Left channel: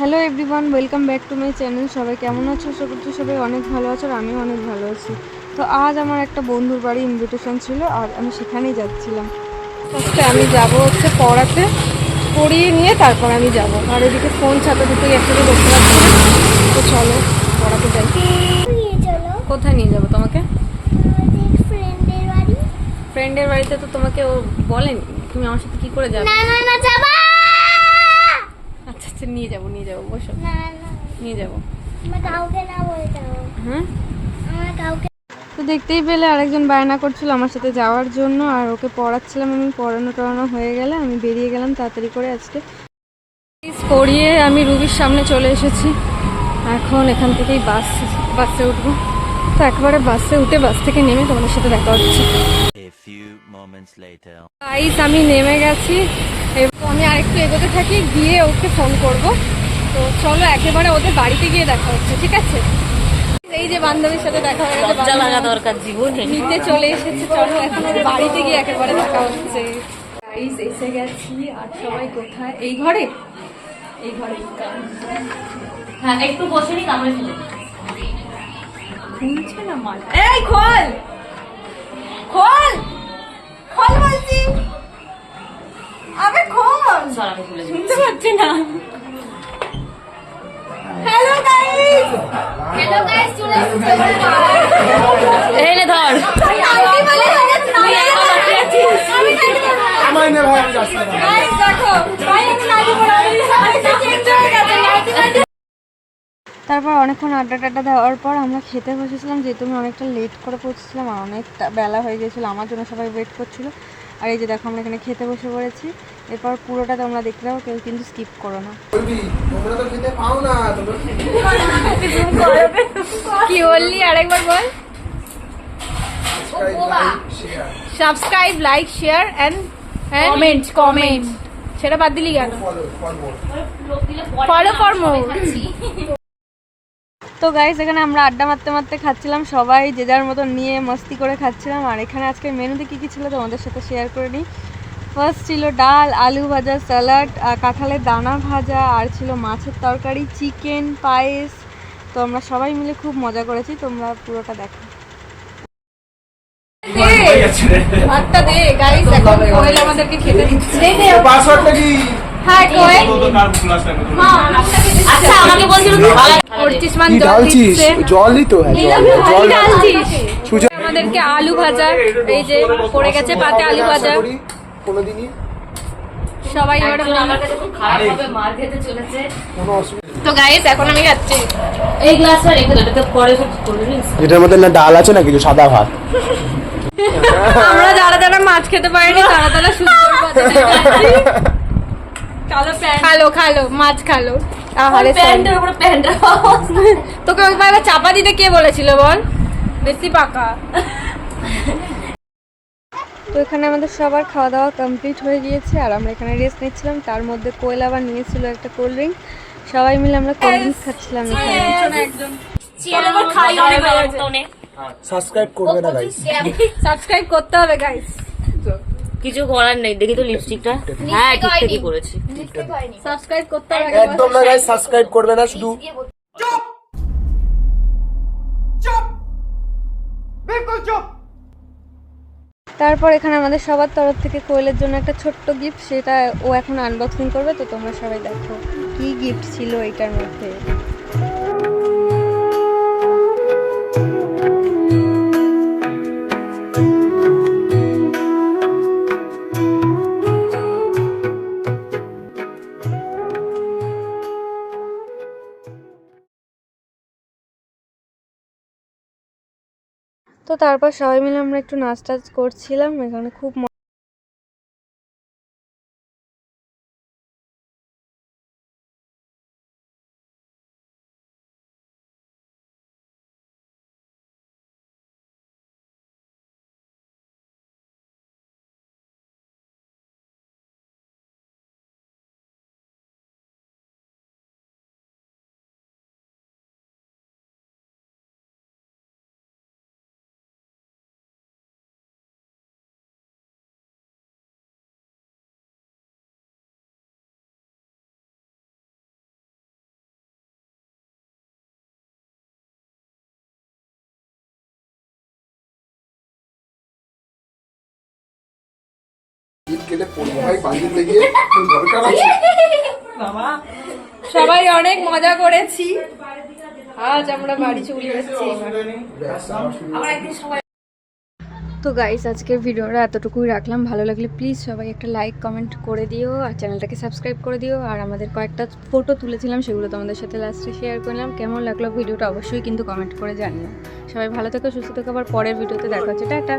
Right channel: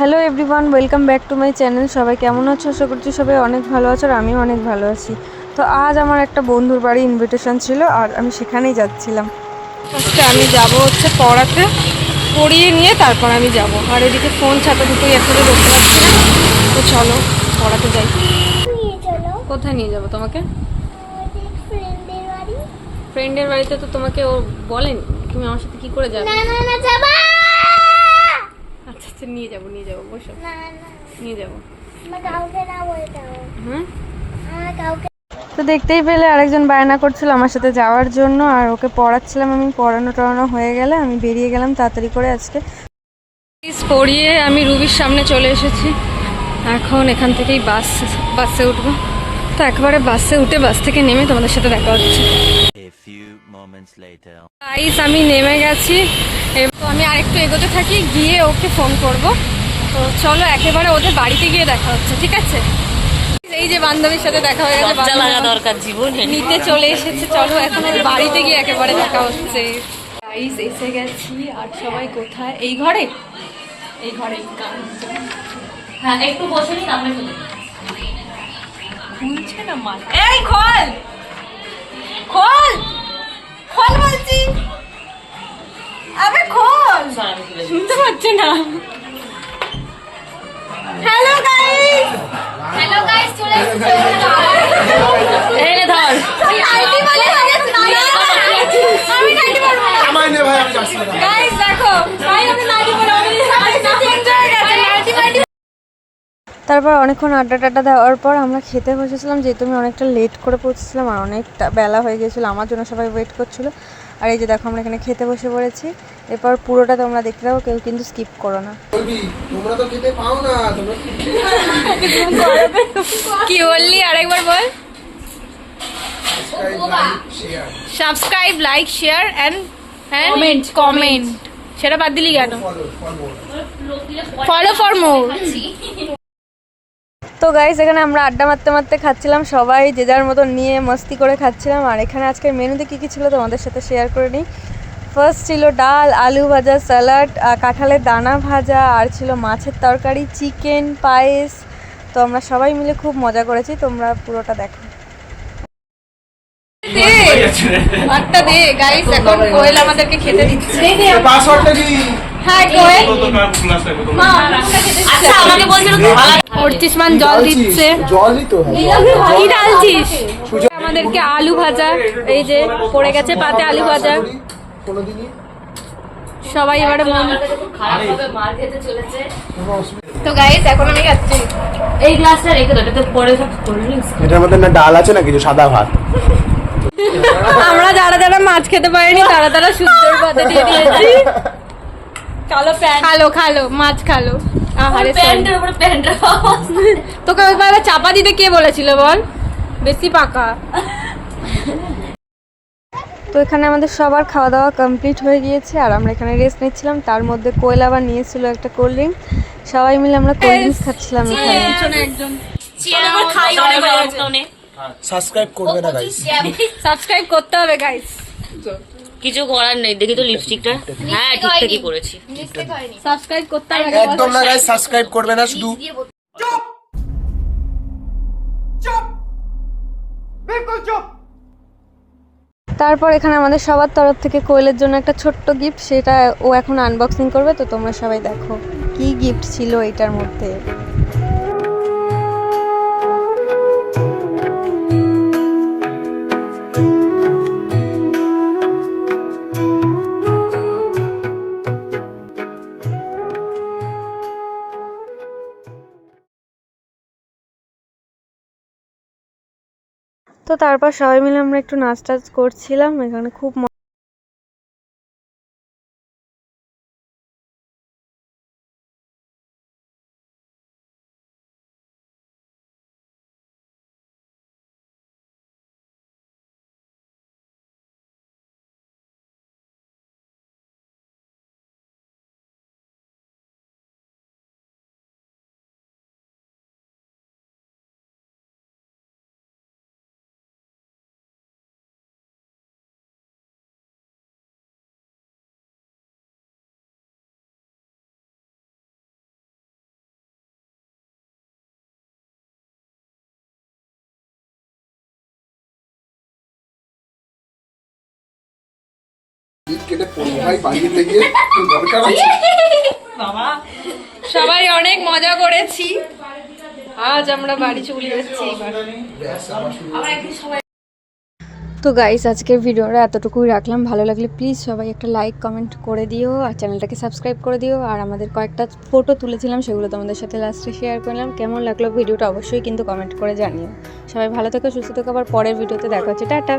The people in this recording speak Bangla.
Hello everyone, welcome back to my channel. সবাই কেমন আছো? আশা করছি সবাই অনেক ভালো আছো আর আমিও অনেক ভালো আছি। তো আজ আমার একটা বন্ধুর বাড়ি ইনভিটেশন ছিল আর আমি সেখানেই যাচ্ছিলাম। ফার্স্টে আমি যাব হচ্ছে পড়াতে, পড়িয়ে নিয়ে তারপর আমি যাব। আর এদিকে ফোন ছাতা দুটোই একসাথে করতে পারছি না। তো চলো পড়াতে যাই। কোথায় নিয়ে যাবো তোমাকে? ফ্রেন্ডের বাড়িতে তো তোমাকে ও বলেনি, তুমি আমার সাথে কি করে যাবে? আচ্ছা আচ্ছা, নিয়ে যাবো বসো, নিয়ে যাবো। হুম, তো দেখতেই পেলে আরেকজন বায়না করছিল আমার সাথে যাওয়ার জন্য, আর ওকে পড়াচ্ছিলাম আমি। পড়ানো টড়ানো হয়ে গেলে আমি বেরিয়ে গেলাম তাড়াতাড়ি করে। আজকে পড়িয়ে আমি রুবির সামনে চলে এসেছি। এখন এখান থেকেই বাসে উঠবো। তো একবারে বাসে উঠে বাস থেকে নেমে তোমাদের সাথে দেখা হচ্ছে। গাইস, আমি নেমে গেছি। তো আমি আরেকটু এগোতে থাকি, গিয়ে ওকে ফোন করব। তো চলো একেবারে ওদের বাড়িতে গিয়ে দেখা হচ্ছে, ঠিক আছে? এই যে বান্ধবীর সাথে দেখা হয়ে গেছে, লজ্জা লাগা দরকার জীবনে। নিতে চলে এসেছে। চলো এখন ওর বাড়িতে গিয়ে একেবারে দেখা হচ্ছে। গাইস, এসে গেছি। আর সবাই কোথায়? এই ঘরে, এই ঘরে। হ্যাঁ, একটু বসে নি তারপরে চলে খুলছে না মাল। এই খোল, খোল, খোল বলছি। আবে খোল, শুনতে পাচ্ছি না। হ্যালো গাইস, হ্যালো গাইস, চলে এসেছি। এই নে ধর। আমায় নে ভাই, আমি যাচ্ছি না। গাইস দেখো, ভাই আমি নাইটি পরে তারপর অনেকক্ষণ আড্ডা টাড্ডা দেওয়ার পর আমরা খেতে বসেছিলাম, যেহেতু আমি অনেকটা লেট করে পৌঁছেছিলাম আর অনেকটা বেলা হয়ে গেছিলো। আমার জন্য সবাই ওয়েট করছিলো। আর এই যে দেখো আমরা এখানে খেতে বসে পড়েছি। এরপর পুরোটা তোমরা দেখতে থাকো, কেউ কিন্তু স্কিপ করো না। তোমরা তো খেতে পাও না, তোমরা কি বললি আরেকবার বল? Subscribe, like, share and comment. সেটা বাদ দিলি কেন? Follow for more. তো গাইস, এখানে আমরা আড্ডা মারতে মারতে খাচ্ছিলাম, সবাই যে যার মতো নিয়ে মস্তি করে খাচ্ছিলাম। আর এখানে আজকের মেনুতে কী কী ছিল তোমাদের সাথে শেয়ার করে নিই। ফার্স্ট ছিল ডাল, আলু ভাজা, স্যালাড, কাঁঠালের দানা ভাজা, আর ছিল মাছের তরকারি, চিকেন, পায়েস। তো আমরা সবাই মিলে খুব মজা করেছি, তোমরা পুরোটা দেখো। এখন কোয়েল আমাদেরকে খেতে দিচ্ছে। পাসওয়ার্ডটা কি? হ্যাঁ কোয়েল, আচ্ছা আমাকে বলছিল অর্চিসমান জল দিচ্ছে। জলই তো আমাদেরকে আলু ভাজা, এই যে পড়ে গেছে পাতে আলু ভাজা। কোনোদিনই সবাই এবার খারাপ হবে, মার খেতে চলেছে। কোনো অসুবিধা। তো গাইস এখন আমি খাচ্ছি। এই গ্লাসটা রেখে দাও, এটাতে পরে সব কোল্ড ড্রিঙ্কস। এটার মধ্যে না ডাল আছে না কিছু, সাদা ভাত। আমরা যারা যারা মাছ খেতে পারিনি তারা তারা সূর্যের পথে দিয়েছি। খালো খালো মাছ খালো। আহারে প্যান্টের উপর প্যান্ট রাখা। তোকে একবার চাপা দিতে কে বলেছিল বল? বেশি পাকা। তো এখানে আমাদের সবার খাওয়া দাওয়া কমপ্লিট হয়ে গিয়েছে আর আমরা এখানে রেস্ট নিচ্ছিলাম। তার মধ্যে কোয়েল আবার নিয়েছিল একটা কোল্ড ড্রিঙ্ক। সবাই মিলে আমরা কোল্ড ড্রিঙ্কস খাচ্ছিলাম এখানে। খাই অনেক অনেক। সাবস্ক্রাইব করবে না গাইস? সাবস্ক্রাইব করতে হবে গাইস। কিছু করার নেই, দেখি তো লিপস্টিকটা। হ্যাঁ ঠিকঠাকই করেছি। সাবস্ক্রাইব করতে হবে। একদম না গাইস, সাবস্ক্রাইব করবে না শুধু। তারপর এখানে আমাদের সবার তরফ থেকে কোয়েলের জন্য একটা ছোট্ট গিফট, সেটা ও এখন আনবক্সিং করবে। তো তোমরা সবাই দেখো কি গিফট ছিল এটার মধ্যে। তো তারপর সবাই মিলে আমরা একটু নাচ টাচ করছিলাম এখানে, খুব কেটে পড়বো ভাই বাড়িতে গিয়ে দরকার আছে সবাই অনেক মজা করেছি, আজ আমরা বাড়ি চলে যাচ্ছি এবার। তো গাইস আজকের ভিডিওটা এতটুকুই রাখলাম। ভালো লাগলে প্লিজ সবাই একটা লাইক কমেন্ট করে দিও আর চ্যানেলটাকে সাবস্ক্রাইব করে দিও। আর আমাদের কয়েকটা ফটো তুলেছিলাম সেগুলো তোমাদের সাথে লাস্টে শেয়ার করলাম। কেমন লাগলো ভিডিওটা অবশ্যই কিন্তু কমেন্ট করে জানিও। সবাই ভালো থেকো, সুস্থ থেকো, আবার পরের ভিডিওতে দেখা হচ্ছে। টাটা।